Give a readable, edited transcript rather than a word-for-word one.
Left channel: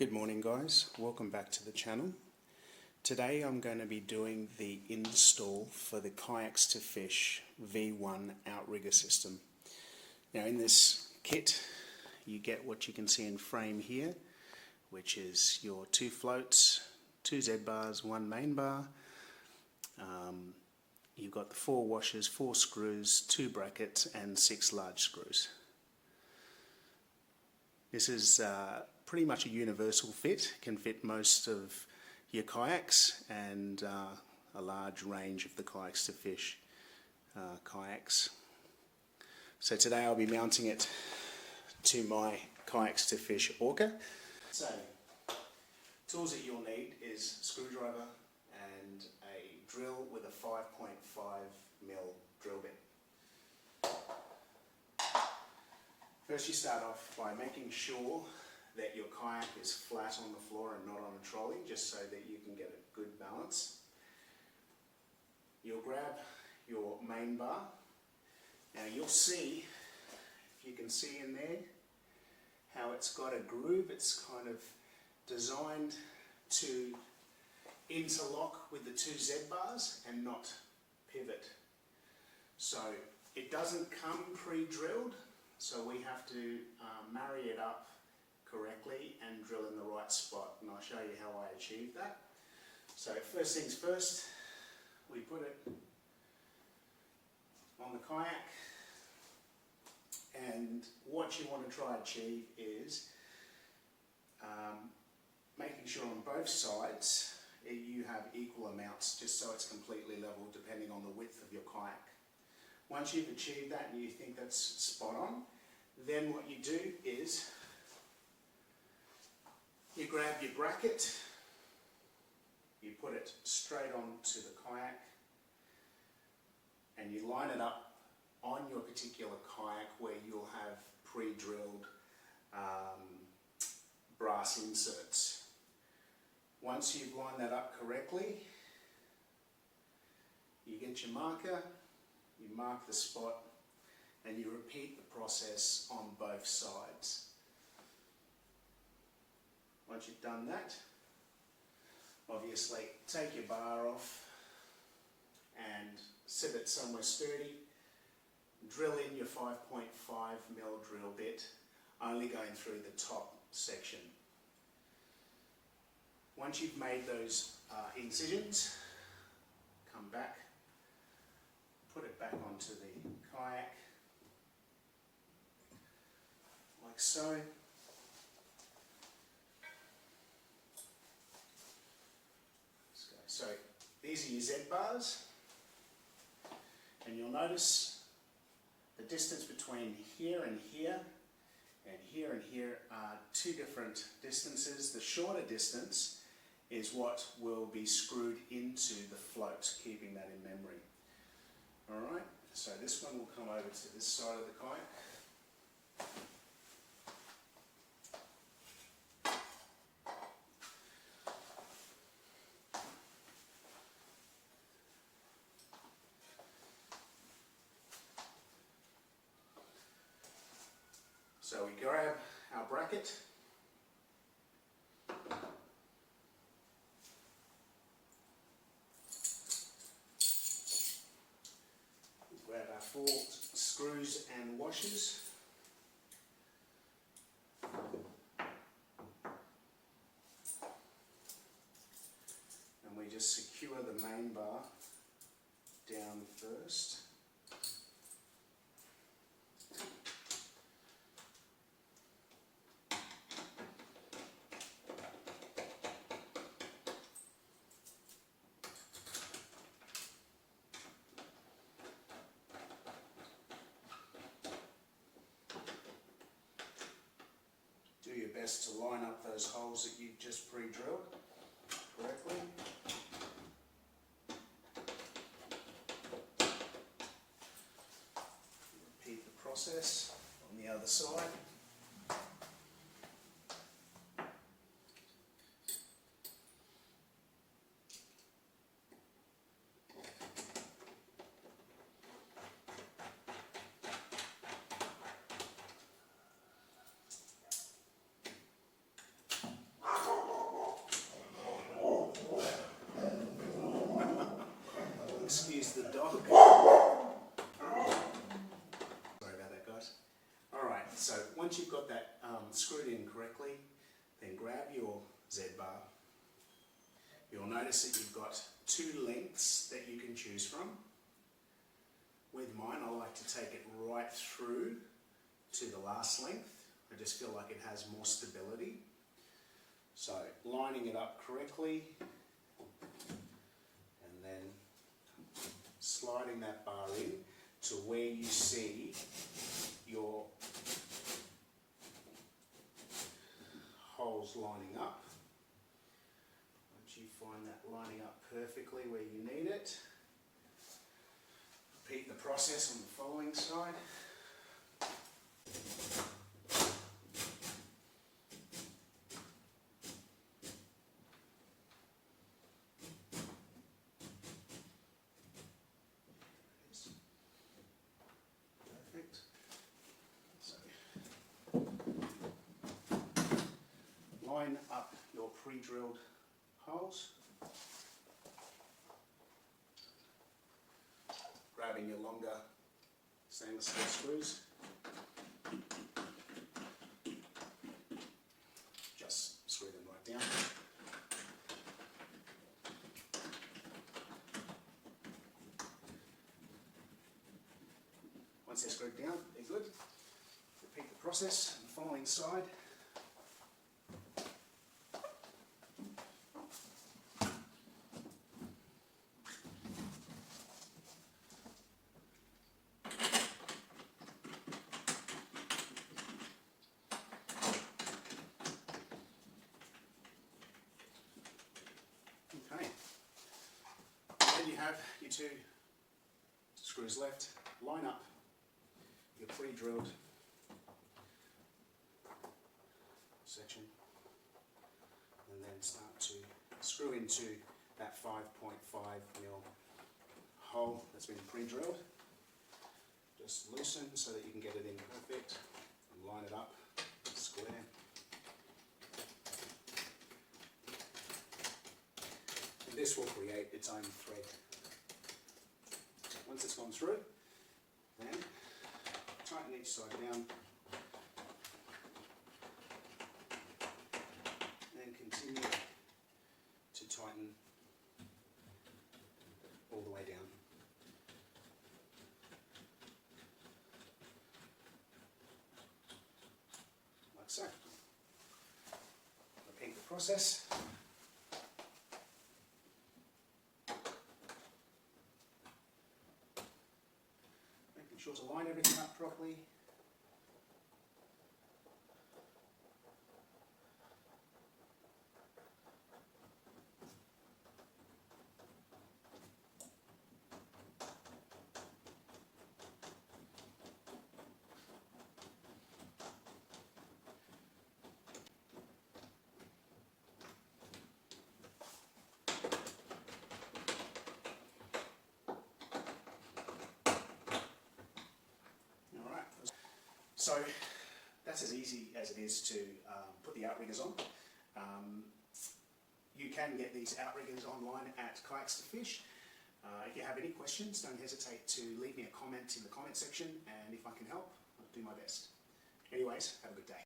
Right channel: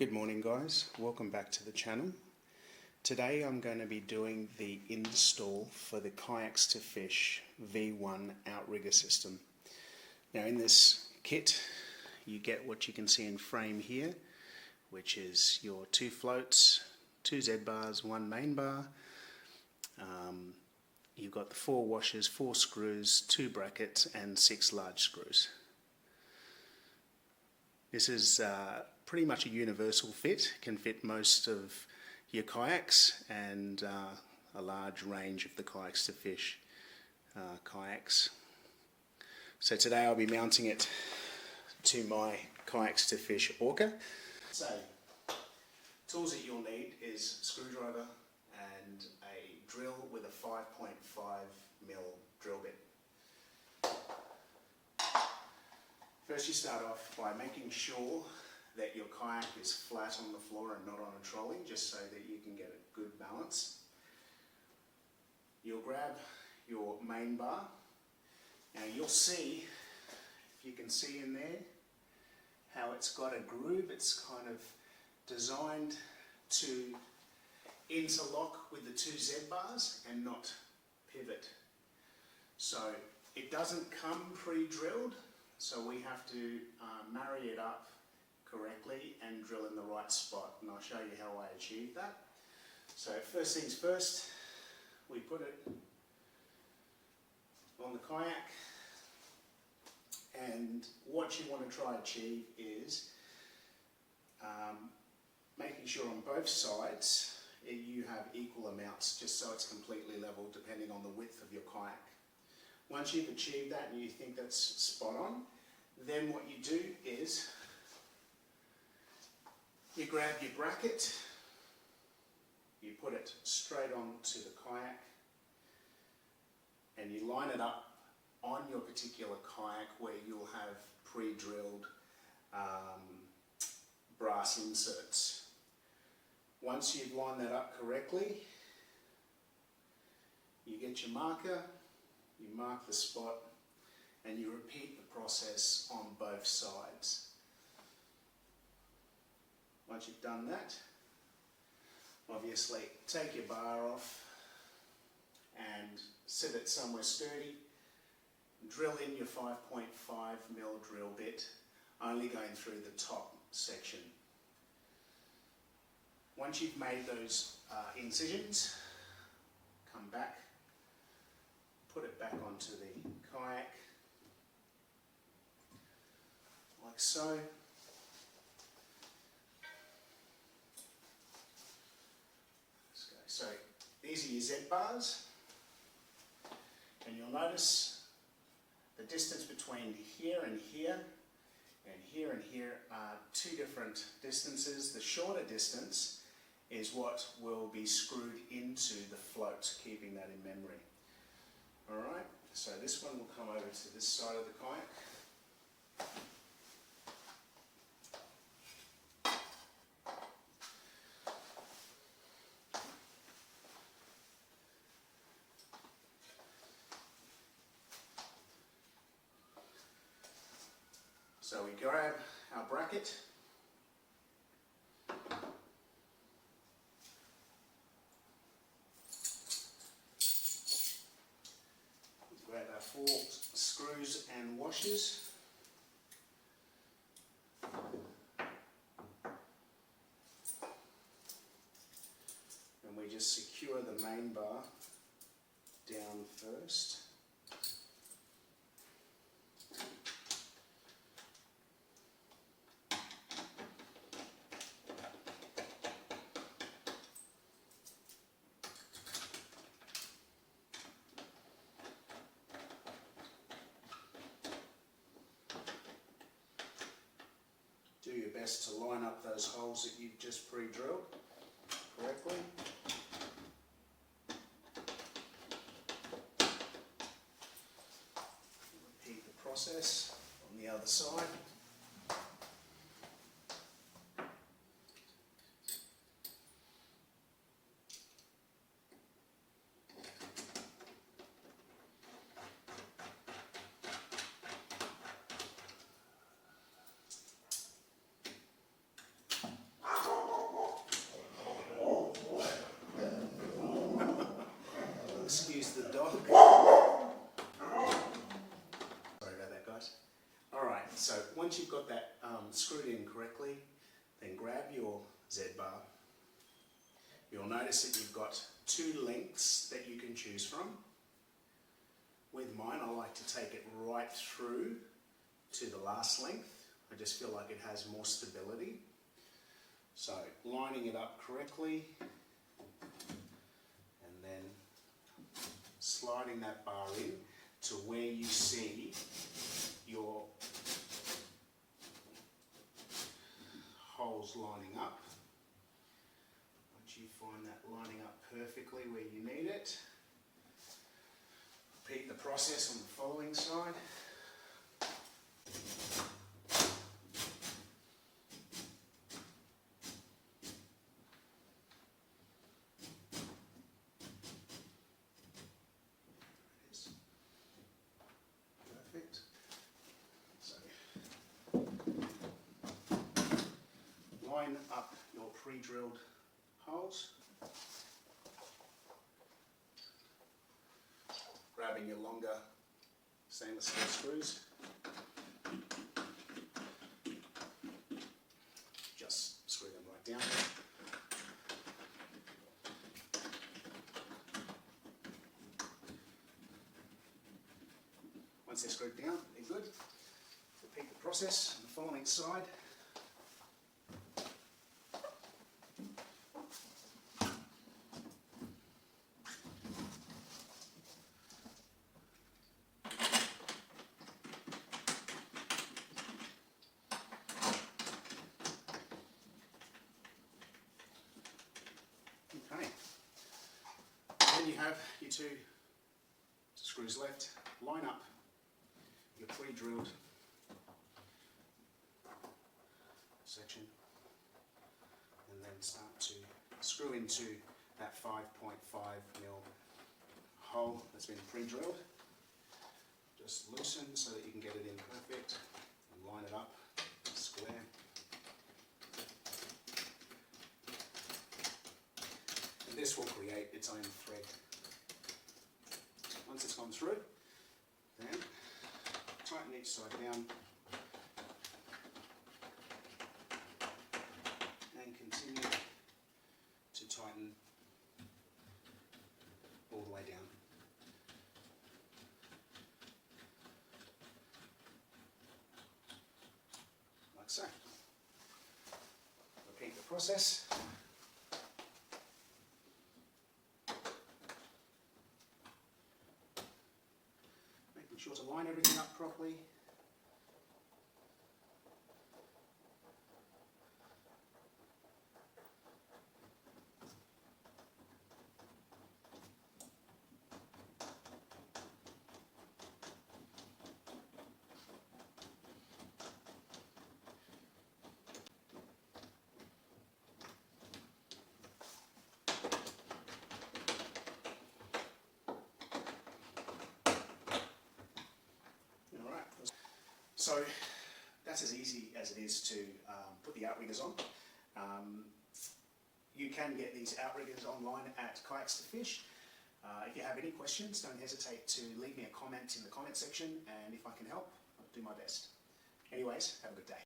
Good morning guys, welcome back to the channel. Today I'm going to be doing the install for the Kayaks2fish V1 Outrigger system. Now in this kit you get what you can see in frame here, which is your 2 floats, 2 Z bars, 1 main bar. You've got the 4 washers, 4 screws, 2 brackets and 6 large screws. This is pretty much a universal fit, can fit most of your kayaks and a large range of the Kayaks2fish kayaks. So today I'll be mounting it to my Kayaks2fish Orca. So tools that you'll need is a screwdriver and a drill with a 5.5mm drill bit. First you start off by making sure that your kayak is flat on the floor and not on a trolley, just so that you can get a good balance. You'll grab your main bar. Now you'll see, if you can see in there, how it's got a groove. It's kind of designed to interlock with the 2 Z bars and not pivot. So it doesn't come pre-drilled, so we have to marry it up correctly and drill in the right spot, and I'll show you how I achieve that. So first things first, we put it on the kayak, and what you want to try and achieve is making sure on both sides you have equal amounts, just so it's completely level depending on the width of your kayak. Once you've achieved that and you think that's spot on, then what you do is you grab your bracket, you put it straight onto the kayak, and you line it up on your particular kayak where you'll have pre-drilled brass inserts. Once you've lined that up correctly, you get your marker, you mark the spot, and you repeat the process on both sides. Once you've done that, obviously take your bar off and sit it somewhere sturdy. Drill in your 5.5mm drill bit, only going through the top section. Once you've made those incisions, come back, put it back onto the kayak, like so. So these are your Z bars, and you'll notice the distance between here and here and here are 2 different distances. The shorter distance is what will be screwed into the float, keeping that in memory. Alright, so this one will come over to this side of the kayak. So we grab our bracket, we grab our 4 screws and washers, and we just secure the main bar down first. Do your best to line up those holes that you've just pre-drilled correctly. Repeat the process on the other side. you've got that screwed in correctly, then grab your Z-bar. You'll notice that you've got 2 lengths that you can choose from. With mine, I like to take it right through to the last length. I just feel like it has more stability. So lining it up correctly and then sliding that bar in to where you see your holes lining up. Once you find that lining up perfectly where you need it, repeat the process on the following side. Perfect. So, line up your pre-drilled holes. Grabbing your longer stainless steel screws. Just screw them right down. Once they're screwed down, they're good. Repeat the process on the following side. Okay, then you have your 2 screws left. Line up your pre-drilled section and then start to screw into that 5.5mm hole that's been pre-drilled. Just loosen so that you can get it in perfect and line it up square. And this will create its own thread. Once it's gone through, then tighten each side down and continue to tighten all the way down. Like so. Repeat the process. Making sure to line everything up properly. So that's as easy as it is to put the Outriggers on. You can get these Outriggers online at Kayaks2fish. If you have any questions, don't hesitate to leave me a comment in the comment section, and if I can help, I'll do my best. Anyways, have a good day.